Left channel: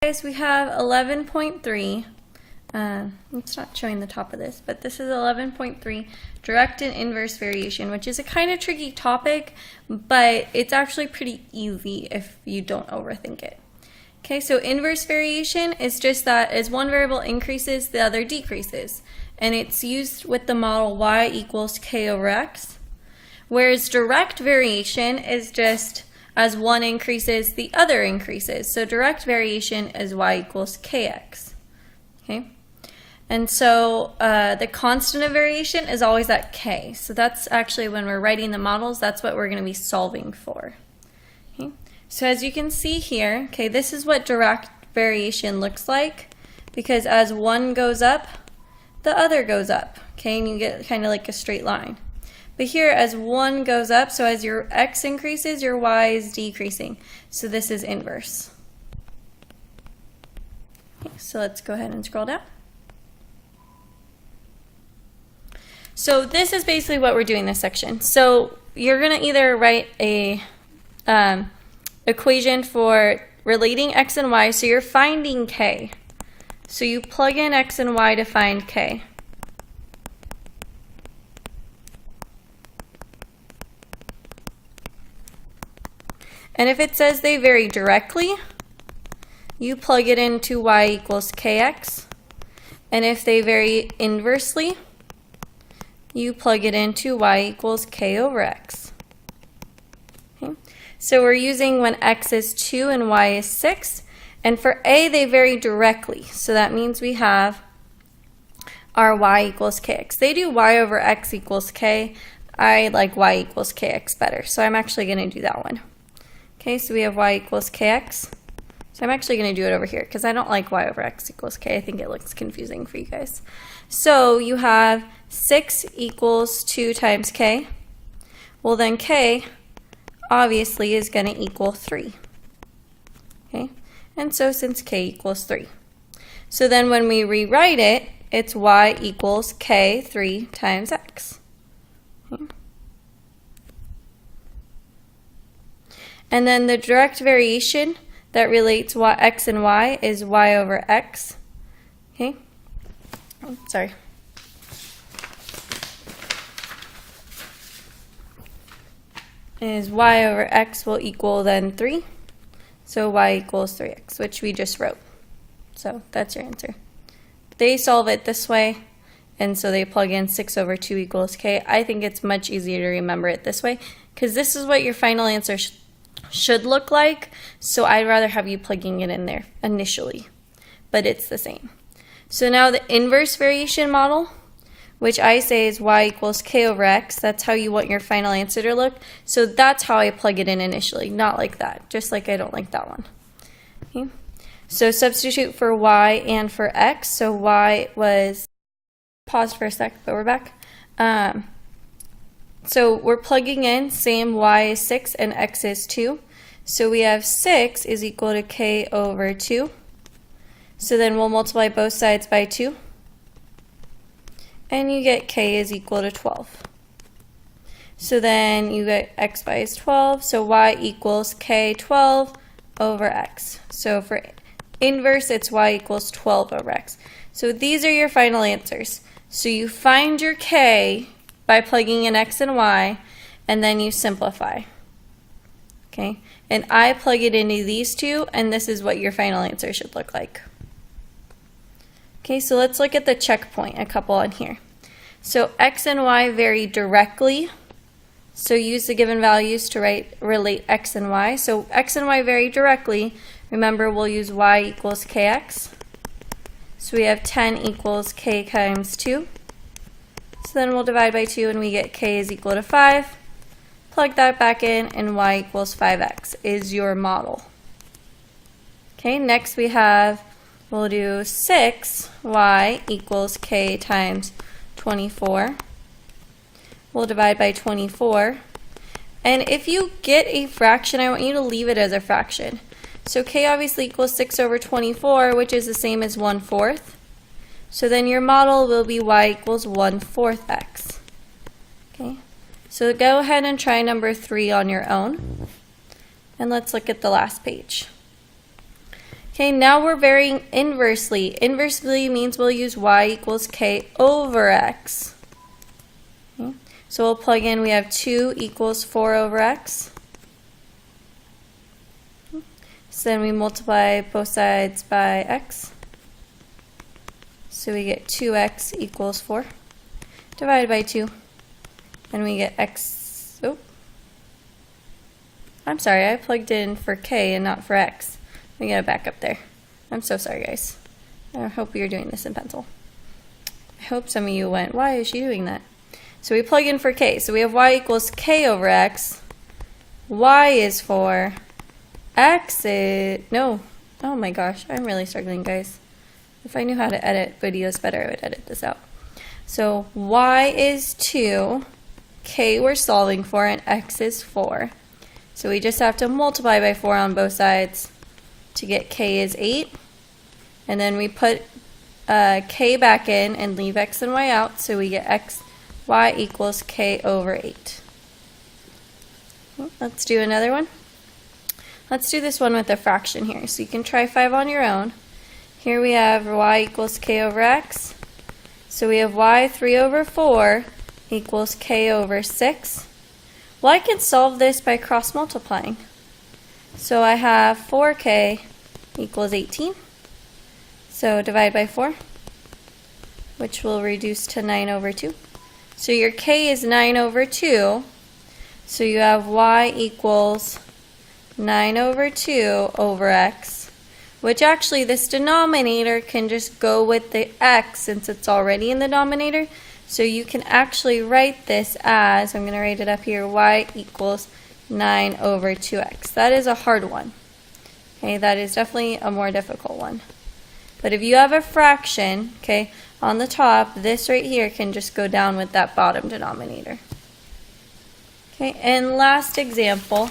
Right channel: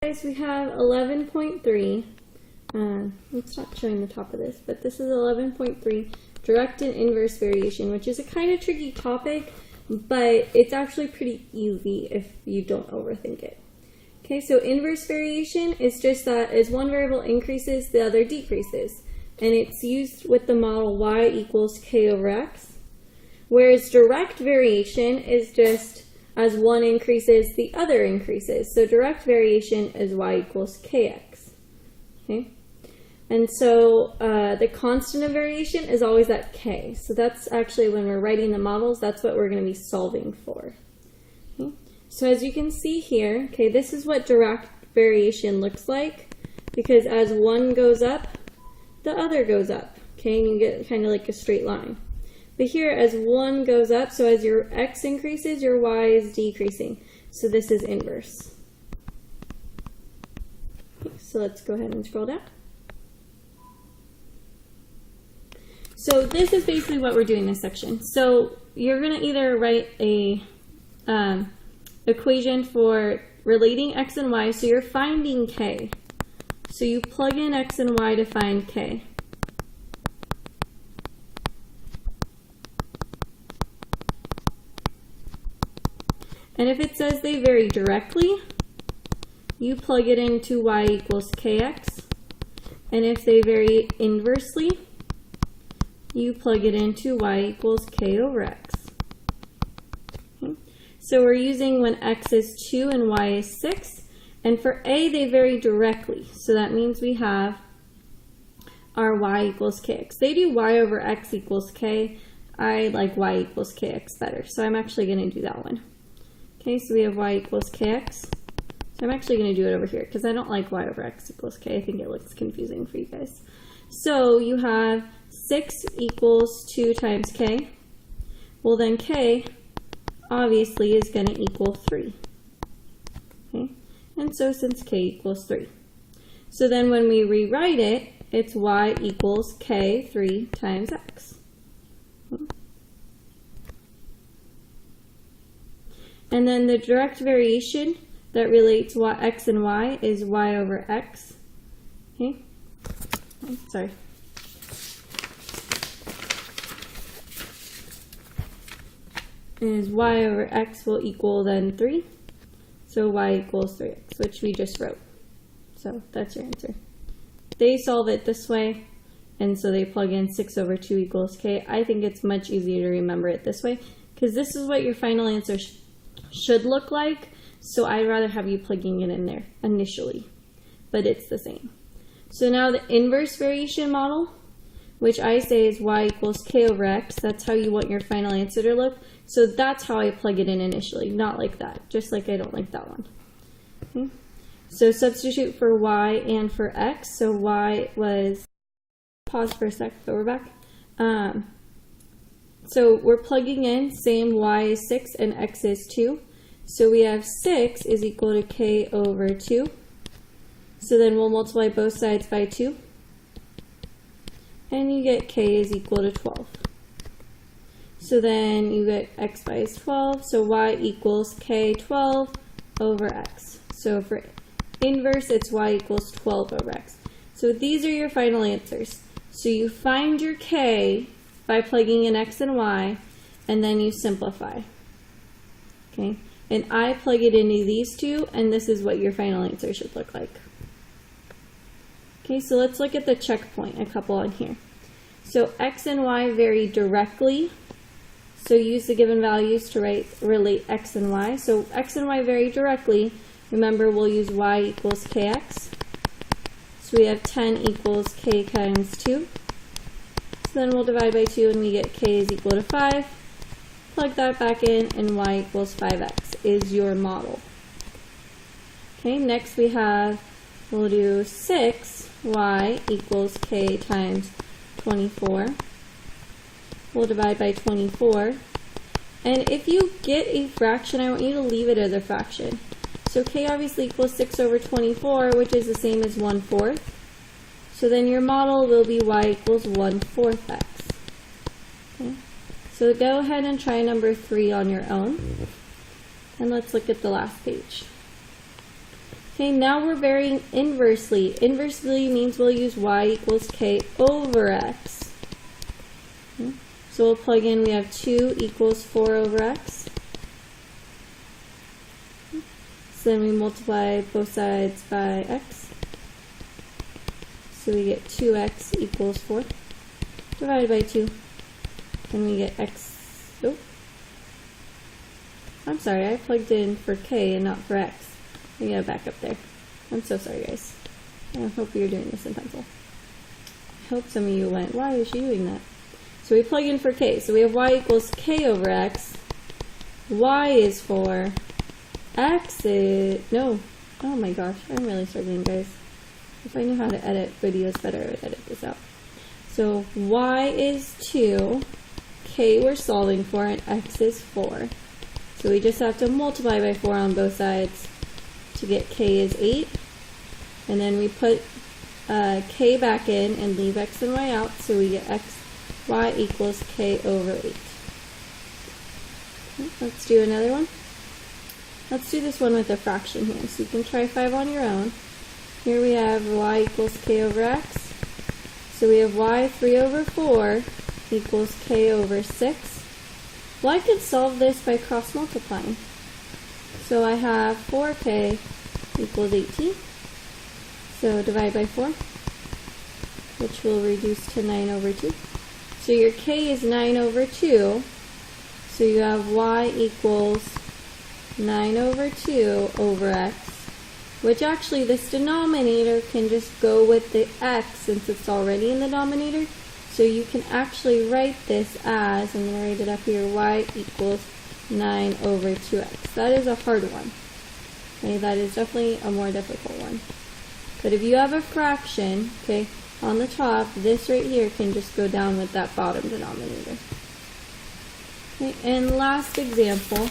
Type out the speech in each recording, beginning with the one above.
Guys, we have 11.3. It's not showing the top of this, but this is 11.3, direct and inverse variation, which is a kind of tricky topic, but it's actually pretty easy if you don't overthink it. Okay, so inverse variation is just that as one variable increases, the other decreases, and it's used with the model y equals k over x, whereas direct variation is just as one increases, the other increases. So direct variation is y equals kx. Okay, and so the constant of variation is always at k. So that's actually when we're writing the models, that's what we're going to be solving for. Okay, so as you can see here, okay, this is what direct variation looks like, because as one goes up, the other goes up. Okay, and you get kind of like a straight line. But here, as one goes up, so as your x increases, your y is decreasing. So this is inverse. Okay, so let's go ahead and scroll down. So this is basically what we're doing in this section. So you're going to either write a equation for relating x and y, so you're finding k. So you plug in x and y to find k. And if it says they vary directly, you plug it into y equals kx. And if they vary inversely, you plug it into y equals k over x. Okay. So we're using when x is 2 and y is 6. And for a, they vary directly. So that means we have our y equals kx. They do y over x equals k. I like y equals kx better. So I'm actually going to do that one. Okay, so we have y equals kx. So I'm actually going to do it over here because I don't like y over x equals k. I think it looks confusing for you guys. So you have 6 equals 2 times k. Well, then k obviously is going to equal 3. Okay, and so since k equals 3. So then when we rewrite it, it's y equals k 3 times x. Okay. And then the direct variation that relates x and y is y over x. Okay, oh, sorry. Is y over x will equal then 3. So y equals 3x, which we just wrote. So that's your answer. They solve it this way, and so they plug in 6 over 2 equals k. I think it's much easier to remember it this way, because this is what your final answer should look like, so I'd rather have you plugging it in there initially, but it's the same. So now the inverse variation model, which I say is y equals k over x, that's how you want your final answer to look. So that's how I plug it in initially, not like that, just like I don't like that one. Okay. So substitute for y and for x. So y was, pause for a sec, but we're back. So we're plugging in, same y is 6 and x is 2. So we have 6 is equal to k over 2. So then we'll multiply both sides by 2. And you get k is equal to 12. So then you get x by is 12. So y equals k 12 over x. So for inverse, it's y equals 12 over x. So these are your final answers. So you find your k by plugging in x and y, and then you simplify. Okay, and I plug it into these two, and this is what your final answer should look like. Okay, so let's look at the checkpoint, a couple on here. So x and y vary directly, so use the given values to relate x and y. So x and y vary directly. Remember, we'll use y equals kx. So we have 10 equals k times 2. So then we'll divide by 2 and we get k is equal to 5. Plug that back in and y equals 5x is your model. Okay, next we'll do 6y equals k times 24. We'll divide by 24. And if you get a fraction, I want you to leave it as a fraction. So k obviously equals 6 over 24, which is the same as 1/4. So then your model will be y equals 1/4 x. Okay, so go ahead and try number 3 on your own. And let's look at the last page. Okay, now we're varying inversely. Inversely means we'll use y equals k over x. Okay. So we'll plug in, we have 2 equals 4 over x. So then we multiply both sides by x. So we get 2x equals 4 divided by 2. And we get x, oh, I'm sorry, I plugged in for k and not for x. We gotta back up there. I'm so sorry, guys. I hope you're doing this in pencil. I hope some of you went, why is she doing that? So we plug in for k. So we have y equals k over x. Y is 4. X is, no. Oh my gosh, I'm really struggling, guys. If I knew how to edit videos better, I would edit this out. So y is 2. K we're solving for, and x is 4. So we just have to multiply by 4 on both sides to get k is 8. And then we put k back in and leave x and y out, so we get y equals k over 8. Let's do another one. Let's do this one with a fraction here. So you can try 5 on your own. Here we have y equals k over x. So we have y 3 over 4 equals k over 6. Well, I can solve this by cross multiplying. So I have 4k equals 18. So divide by 4, which will reduce to 9 over 2. So your k is 9 over 2. So you have y equals 9 over 2 over x, which actually this denominator can just go with the x since it's already in the denominator. So you can actually write this as, I'm going to write it up here, y equals 9 over 2x. That is a hard one. Okay, that is definitely a more difficult one. But if you have a fraction, okay, on the top, this right here can just go down with that bottom denominator. Okay, and last example.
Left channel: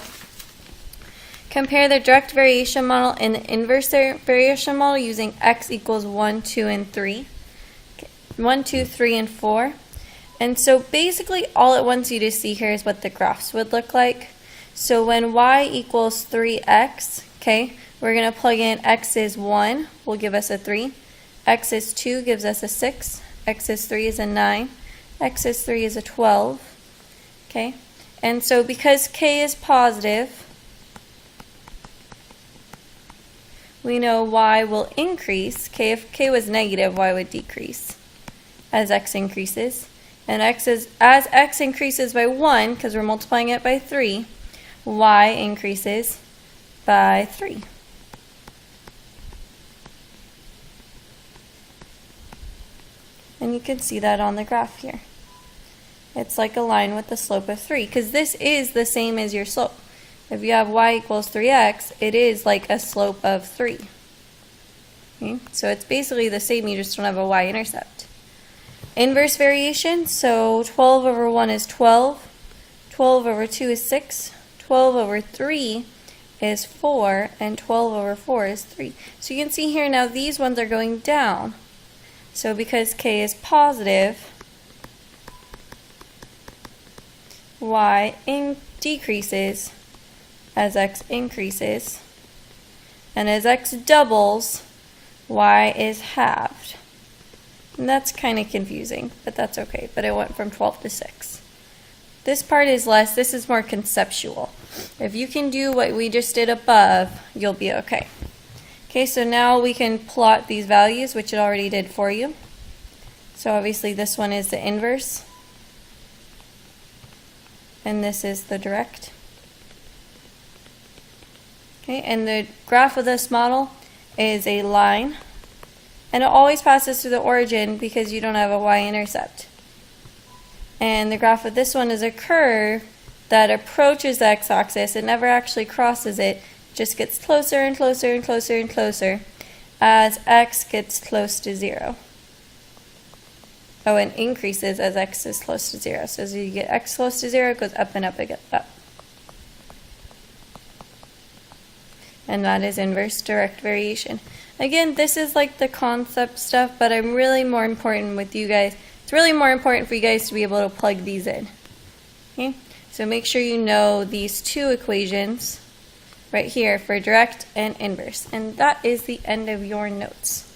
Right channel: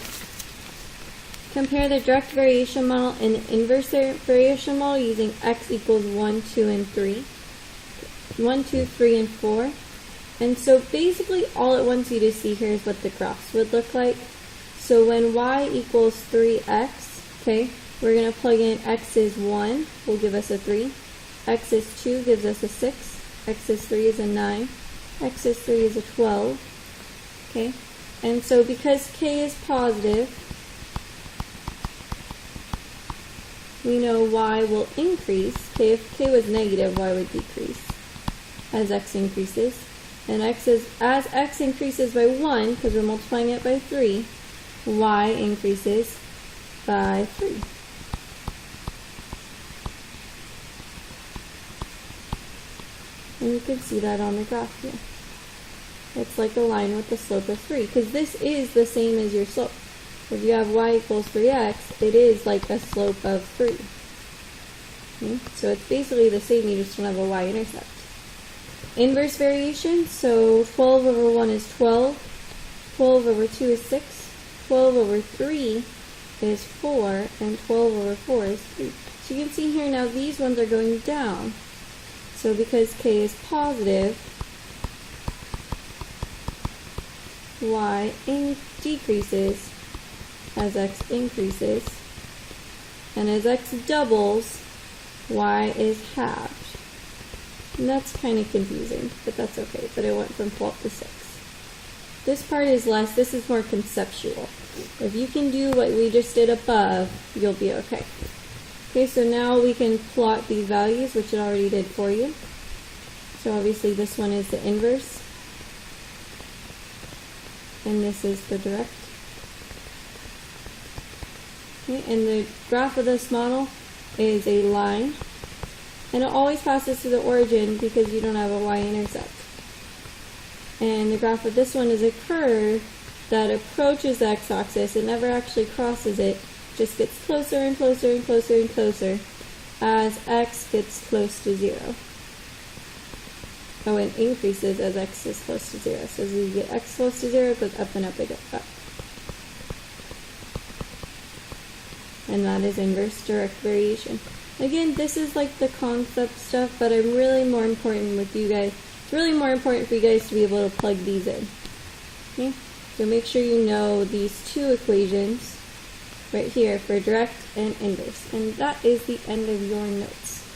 Compare the direct variation model and the inverse variation model using x equals 1, 2, and 3. 1, 2, 3, and 4. And so basically all it wants you to see here is what the graphs would look like. So when y equals 3x, okay, we're going to plug in x is 1, will give us a 3. X is 2 gives us a 6. X is 3 is a 9. X is 3 is a 12. Okay, and so because k is positive, we know y will increase. Okay, if k was negative, y would decrease as x increases. And as x increases by 1, because we're multiplying it by 3, y increases by 3. And you can see that on the graph here. It's like a line with the slope of 3, because this is the same as your slope. If you have y equals 3x, it is like a slope of 3. Okay? So it's basically the same, you just don't have a y-intercept. Inverse variation, so 12 over 1 is 12. 12 over 2 is 6. 12 over 3 is 4. And 12 over 4 is 3. So you can see here now these ones are going down. So because k is positive, y decreases as x increases, and as x doubles, y is halved. And that's kind of confusing, but that's okay. But it went from 12 to 6. This part is less, this is more conceptual. If you can do what we just did above, you'll be okay. Okay, so now we can plot these values, which it already did for you. So obviously this one is the inverse, and this is the direct. Okay, and the graph of this model is a line, and it always passes through the origin because you don't have a y-intercept. And the graph of this one is a curve that approaches the x-axis. It never actually crosses it, just gets closer and closer and closer and closer as x gets close to 0. Oh, and increases as x is close to 0. So as you get x close to 0, it goes up and up and up. And that is inverse direct variation. Again, this is like the concept stuff, but I'm really more important with you guys. It's really more important for you guys to be able to plug these in. Okay? So make sure you know these two equations. right here for direct and inverse. And that is the end of your notes.